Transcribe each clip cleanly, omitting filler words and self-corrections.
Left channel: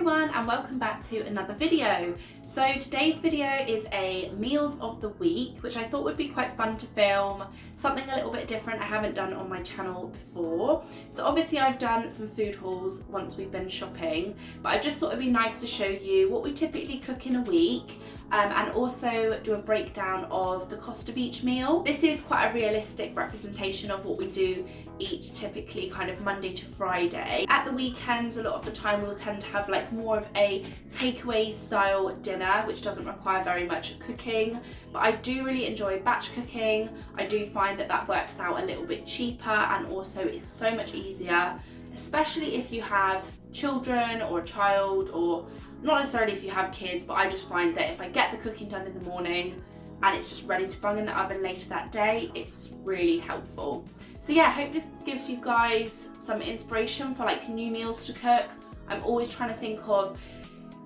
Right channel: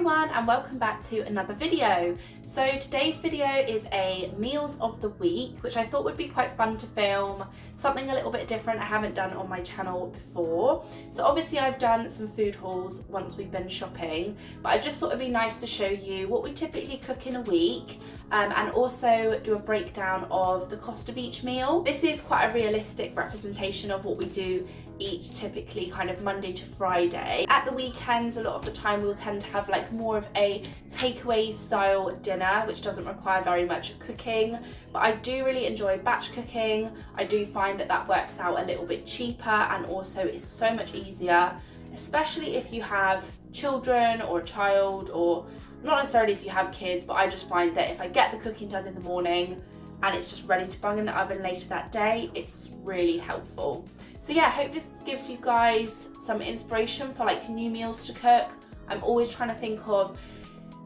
everyone and welcome back to another video. So today's video is a meals of the week, which I thought would be quite fun to film, something a little bit different I haven't done on my channel before. So obviously I've done some food hauls once we've been shopping, but I just thought it'd be nice to show you what we typically cook in a week. And also do a breakdown of the cost of each meal. This is quite a realistic representation of what we do eat typically kind of Monday to Friday. At the weekends, a lot of the time we'll tend to have like more of a takeaway style dinner, which doesn't require very much cooking, but I do really enjoy batch cooking. I do find that that works out a little bit cheaper and also is so much easier, especially if you have children or a child, or not necessarily if you have kids, but I just find that if I get the cooking done in the morning and it's just ready to bung in the oven later that day, it's really helpful. So yeah, I hope this gives you guys some inspiration for like new meals to cook. I'm always trying to think of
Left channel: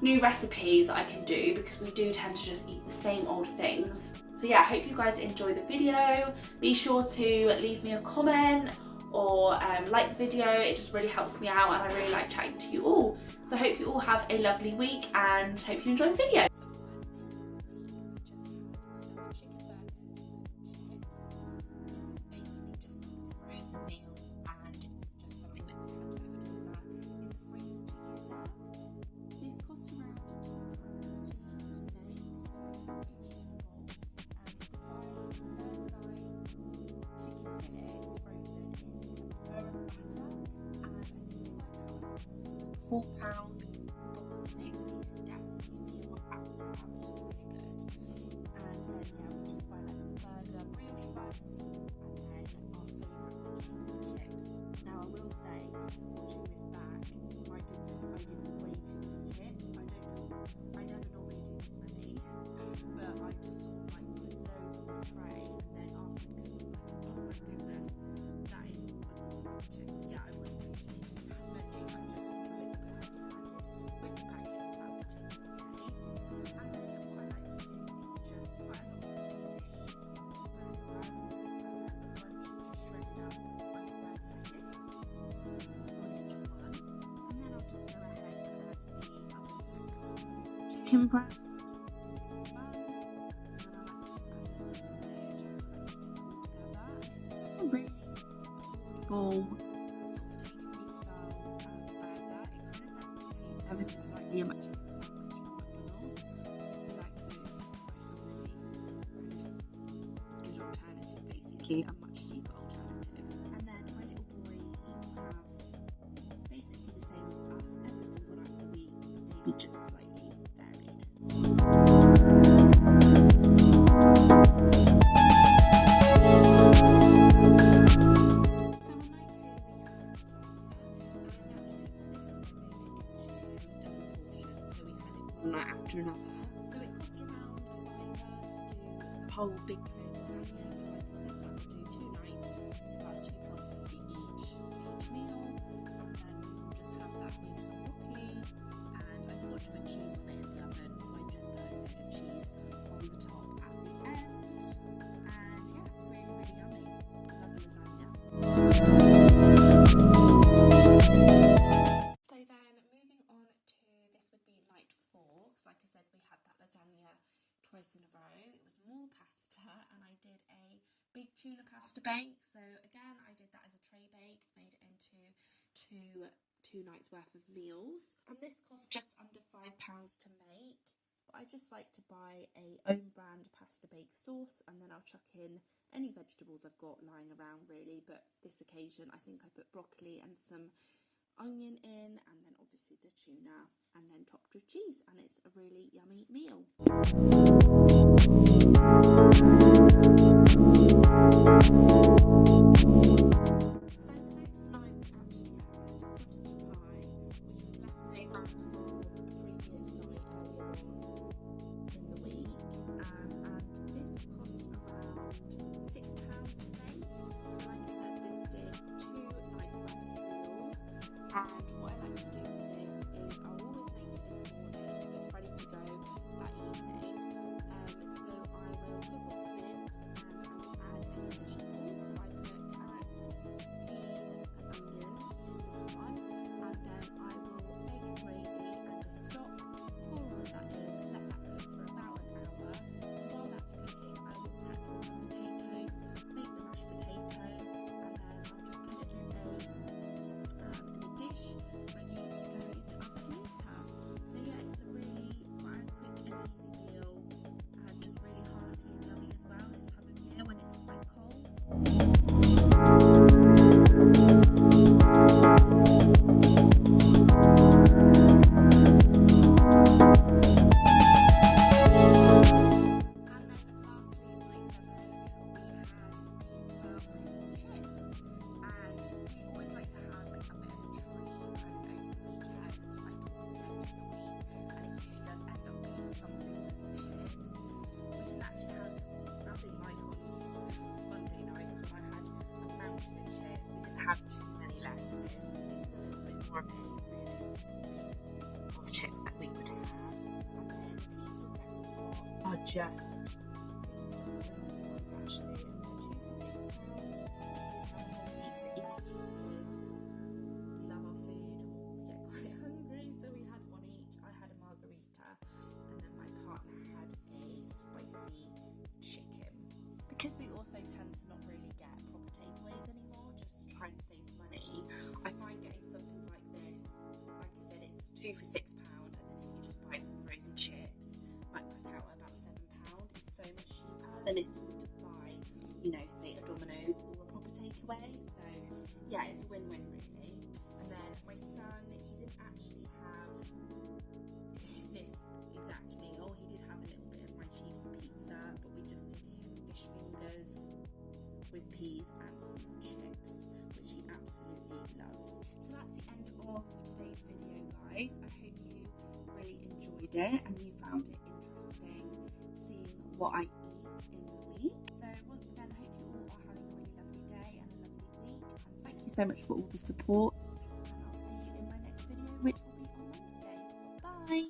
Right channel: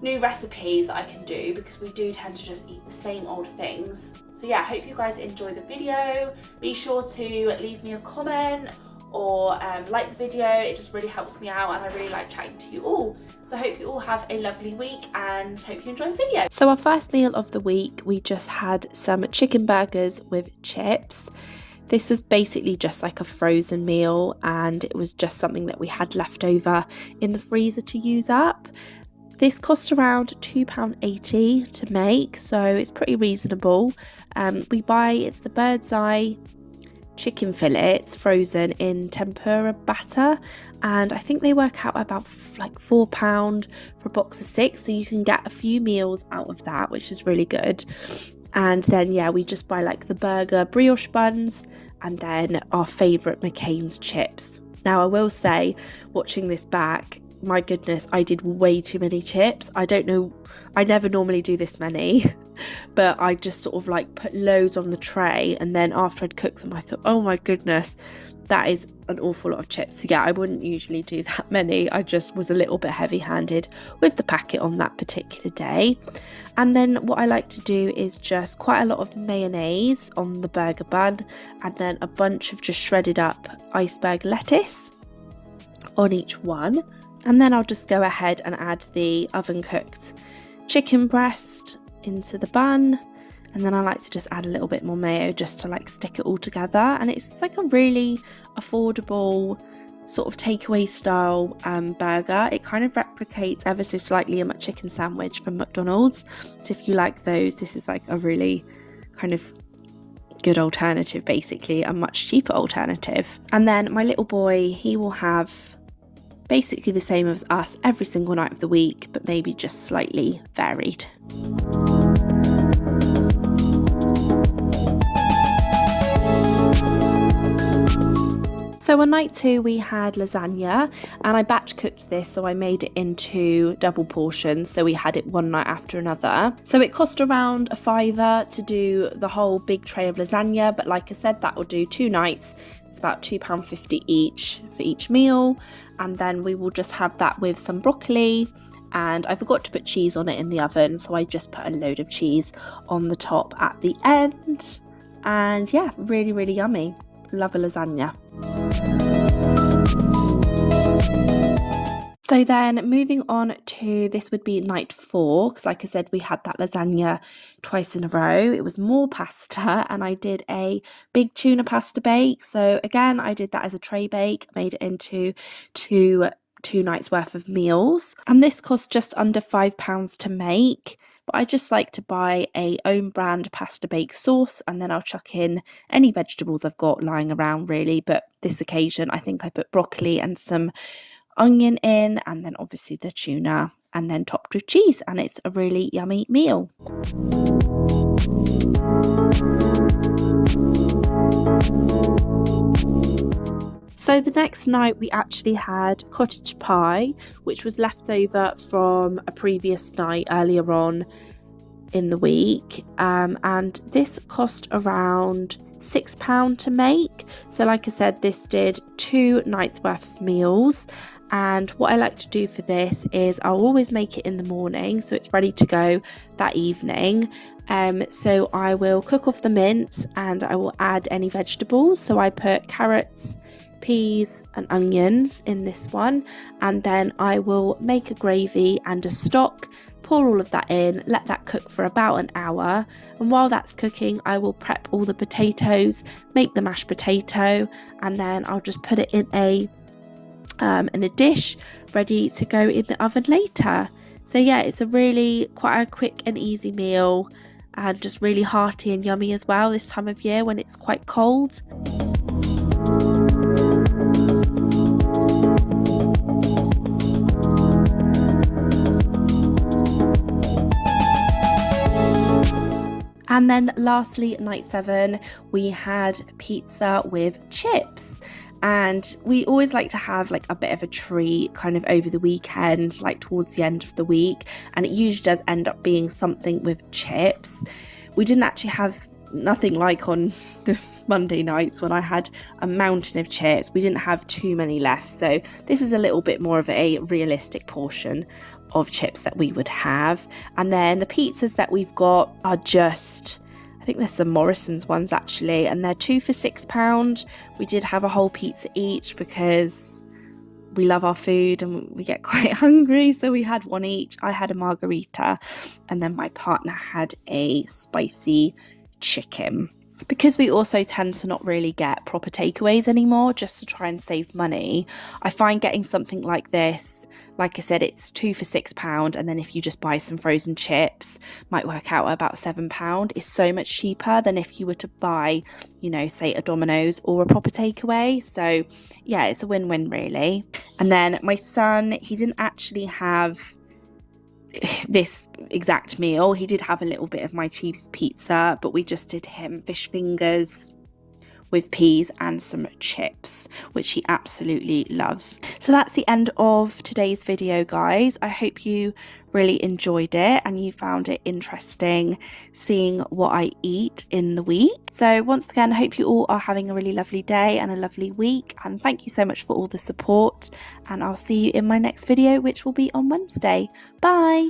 new recipes that I can do because we do tend to just eat the same old things. So yeah, I hope you guys enjoy the video. Be sure to leave me a comment or like the video. It just really helps me out and I really like chatting to you all. So I hope you all have a lovely week and hope you enjoy the video. So our first meal of the week, we just had some chicken burgers with chips. This was basically just like a frozen meal and it was just something that we had left over in the freezer to use up. This cost around £2.80 to make, so it's pretty reasonable. It's the bird's eye chicken fillets frozen in tempura batter, and I think they work out about like £4 for a box of 6, so you can get a few meals out of that, which is really good. And then yeah, we just buy like the burger brioche buns and then our favourite McCain's chips. Now I will say, watching this back, my goodness, I did way too many chips. I don't know, I never normally do this many, but I just sort of like put loads on the tray, and then after I'd cooked them I thought, oh my goodness, that is an awful lot of chips. So yeah, I wouldn't usually do that many. I just was a little bit heavy-handed with the packet on that particular day. And then what I like to do is just quite a lot of mayonnaise on the burger bun, and then a bunch of just shredded up iceberg lettuce on each one. And then I'll just go ahead and add the oven cooked chicken breast into the bun, and then I like to just add a little bit more mayo just to like stick it all together. And it's like a really affordable sort of takeaway style burger. It kind of replicates ever so slightly a chicken sandwich from McDonald's, so if you like those, this is like a really kind of good alternative, basically a much cheaper alternative. And then my little boy, he will have basically the same as us every single night of the week, but maybe just slightly varied. So on night 2 we had lasagna, and I batch cooked this, so I made it into double portions, so we had it one night after another. So it cost around £5 to do the whole big tray of lasagna, but like I said, that will do 2 nights. It's about £2.50 each for each meal, and then we will just have that with some broccoli, and I forgot to put cheese on it in the oven, so I just put a load of cheese on the top at the end. And yeah, really, really yummy. Love a lasagna. So then moving on to, this would be night 4, because like I said, we had that lasagna twice in a row. It was more pasta, and I did a big tuna pasta bake. So again, I did that as a tray bake, made it into two nights worth of meals, and this cost just under £5 to make. But I just like to buy a own brand pasta bake sauce, and then I'll chuck in any vegetables I've got lying around really. But this occasion I think I put broccoli and some onion in, and then obviously the tuna, and then topped with cheese, and it's a really yummy meal. So the next night we actually had cottage pie, which was left over from a previous night earlier on in the week, and this cost around £6 to make. So like I said, this did 2 nights worth of meals, and what I like to do for this is I'll always make it in the morning so it's ready to go that evening. So I will cook off the mince and I will add any vegetables. So I put carrots, peas and onions in this one, and then I will make a gravy and a stock, pour all of that in, let that cook for about an hour, and while that's cooking I will prep all the potatoes, make the mashed potato, and then I'll just put it in a dish ready to go in the oven later. So yeah, it's a really quite a quick and easy meal, and just really hearty and yummy as well this time of year when it's quite cold. And then lastly, night 7, we had pizza with chips. And we always like to have like a bit of a treat kind of over the weekend, like towards the end of the week, and it usually does end up being something with chips. We didn't actually have nothing like on the Monday nights when I had a mountain of chips. We didn't have too many left, so this is a little bit more of a realistic portion of chips that we would have. And then the pizzas that we've got are just, I think there's some Morrison's ones actually, and they're 2 for £6. We did have a whole pizza each because we love our food and we get quite hungry, so we had one each. I had a margarita, and then my partner had a spicy chicken. Because we also tend to not really get proper takeaways anymore, just to try and save money, I find getting something like this, like I said, it's 2 for £6, and then if you just buy some frozen chips, might work out at about £7. It's so much cheaper than if you were to buy, you know, say a Domino's or a proper takeaway. So yeah, it's a win-win really. And then my son, he didn't actually have this exact meal. He did have a little bit of my cheese pizza, but we just did him fish fingers with peas and some chips, which he absolutely loves. So that's the end of today's video, guys. I hope you really enjoyed it and you found it interesting seeing what I eat in the week. So once again, I hope you all are having a really lovely day and a lovely week, and thank you so much for all the support, and I'll see you in my next video, which will be on Wednesday. Bye.